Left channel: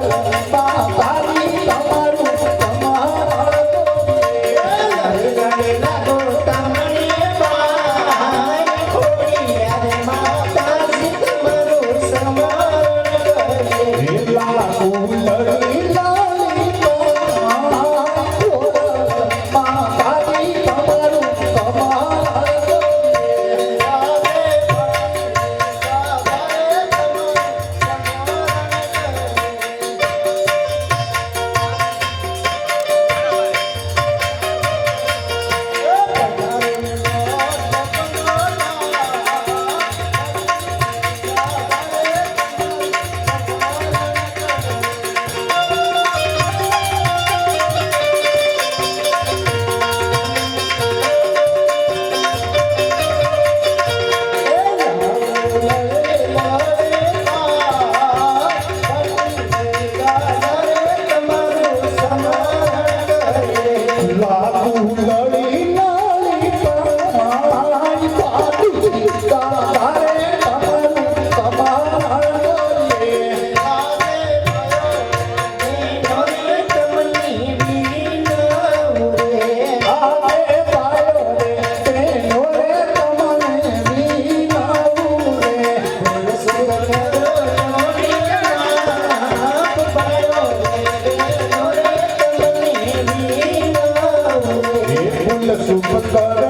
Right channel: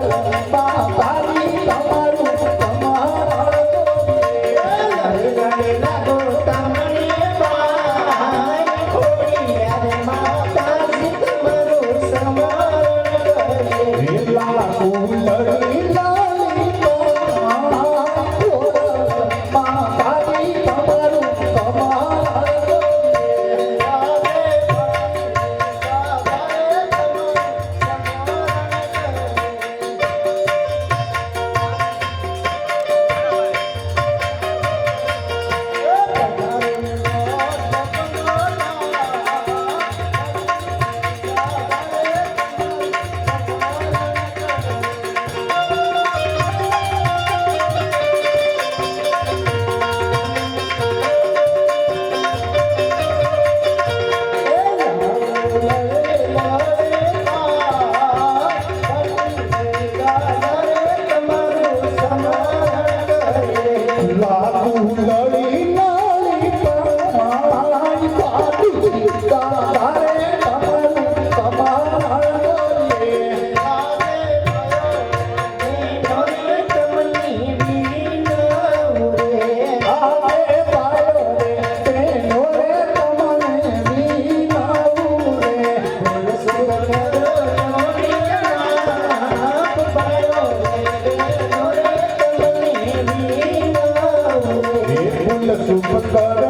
you. ಸುಮಂಗಲ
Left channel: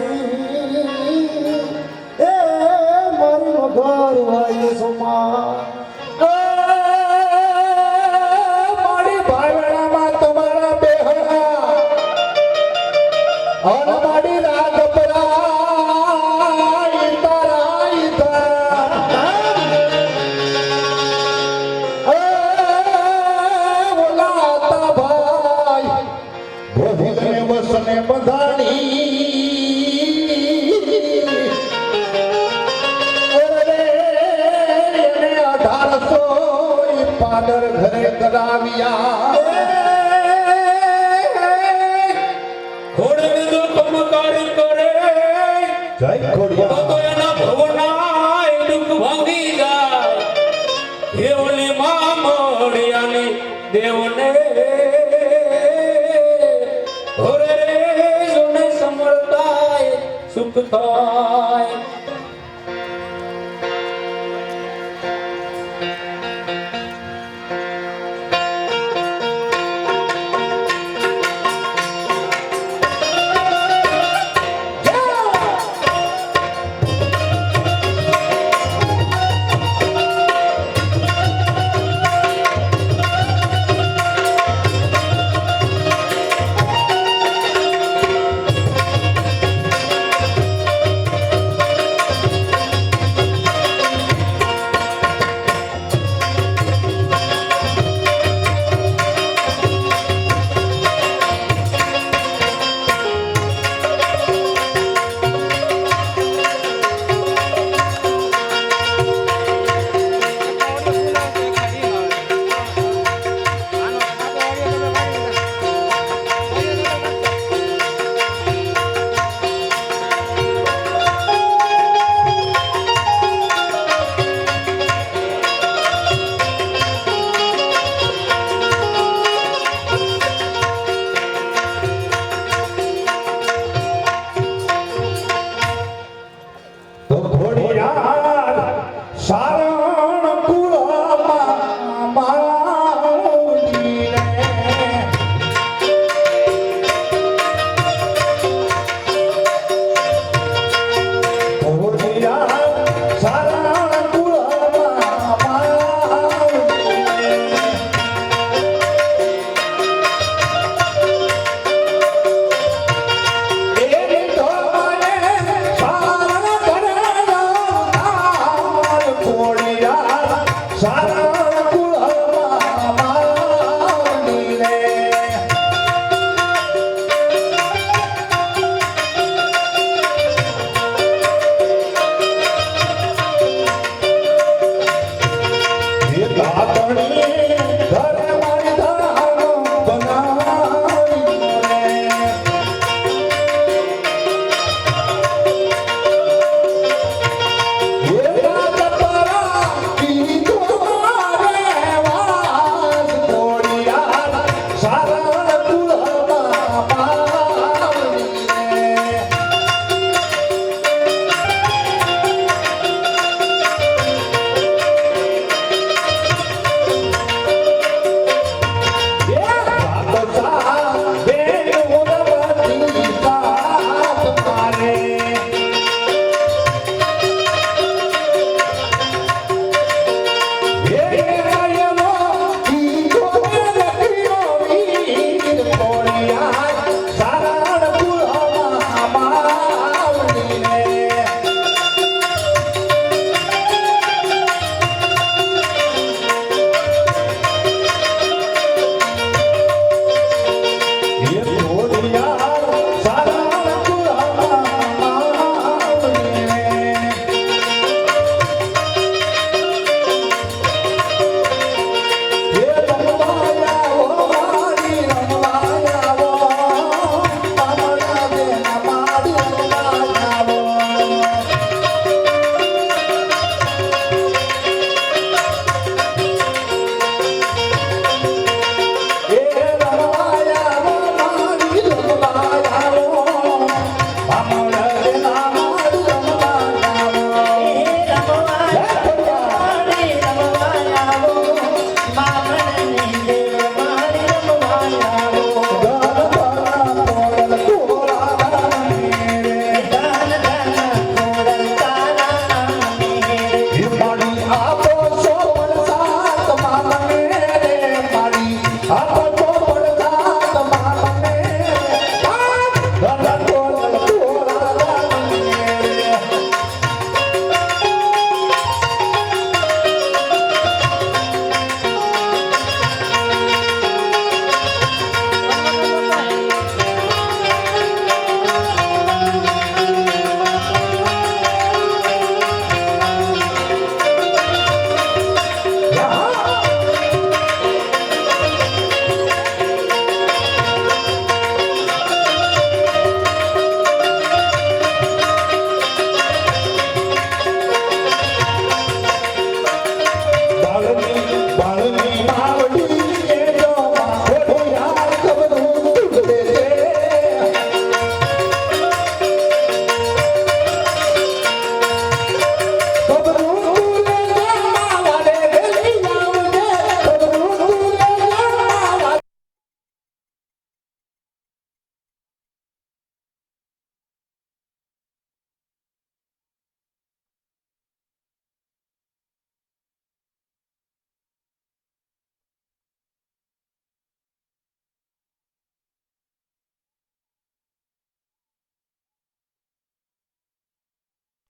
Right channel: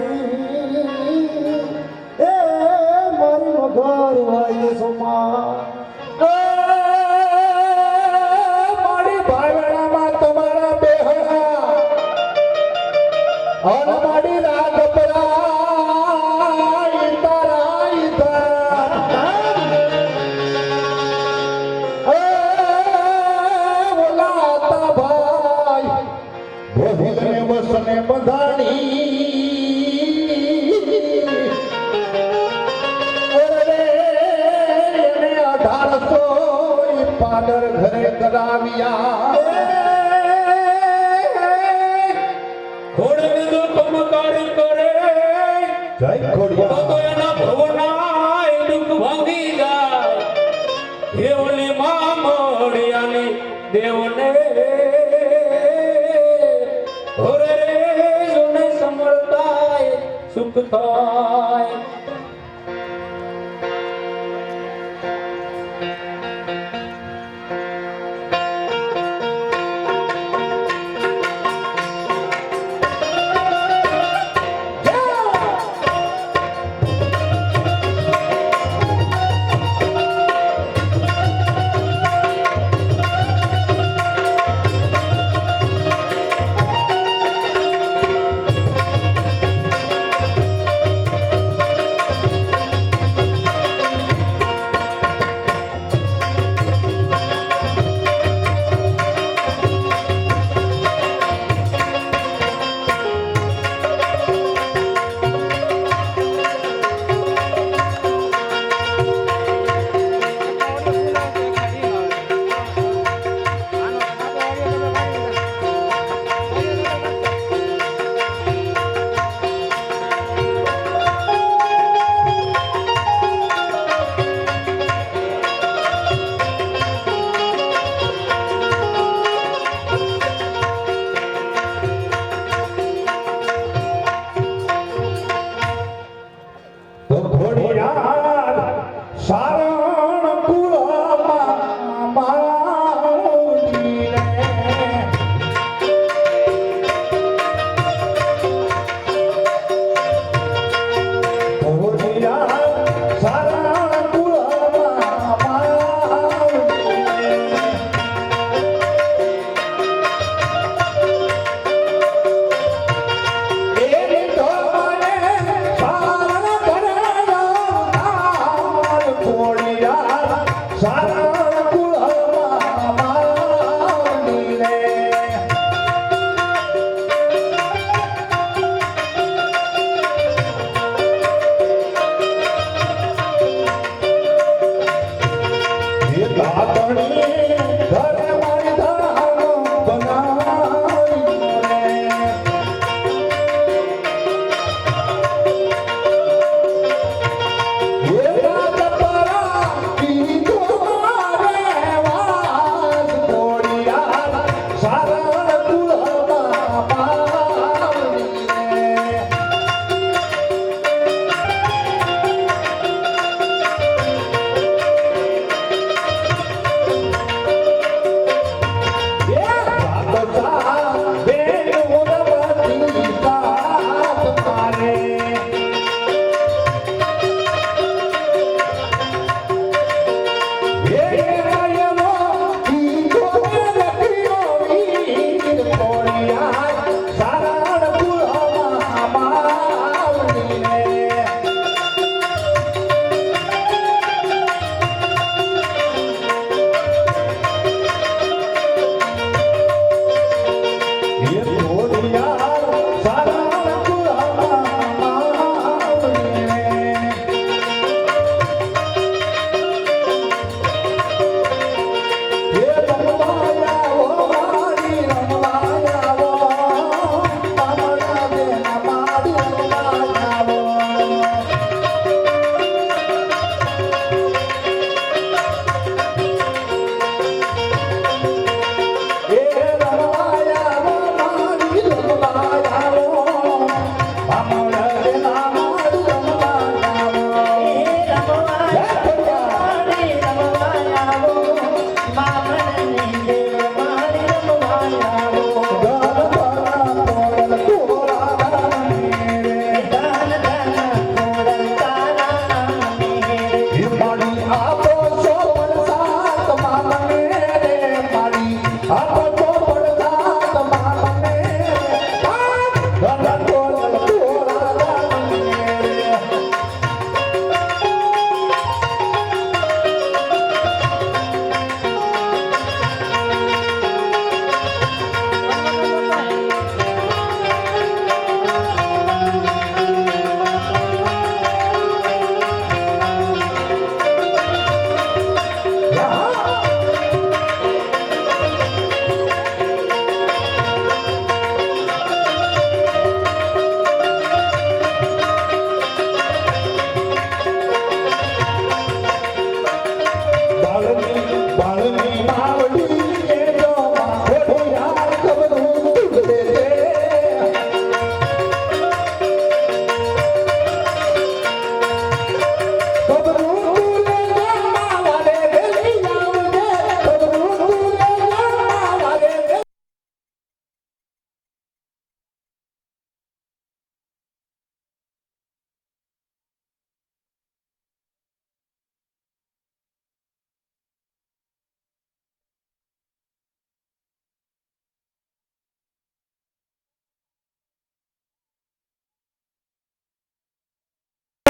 લગાવ્યા ઘોડને જો ચમકાર કરે જય ઘોડિયા તો એના ભવનાય દુઃખ ભાંગી જાય દેવને માં મળ્યાને દેવને ઘોરે રે સુખ થાય ધાકણી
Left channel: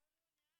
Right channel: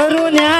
Barulho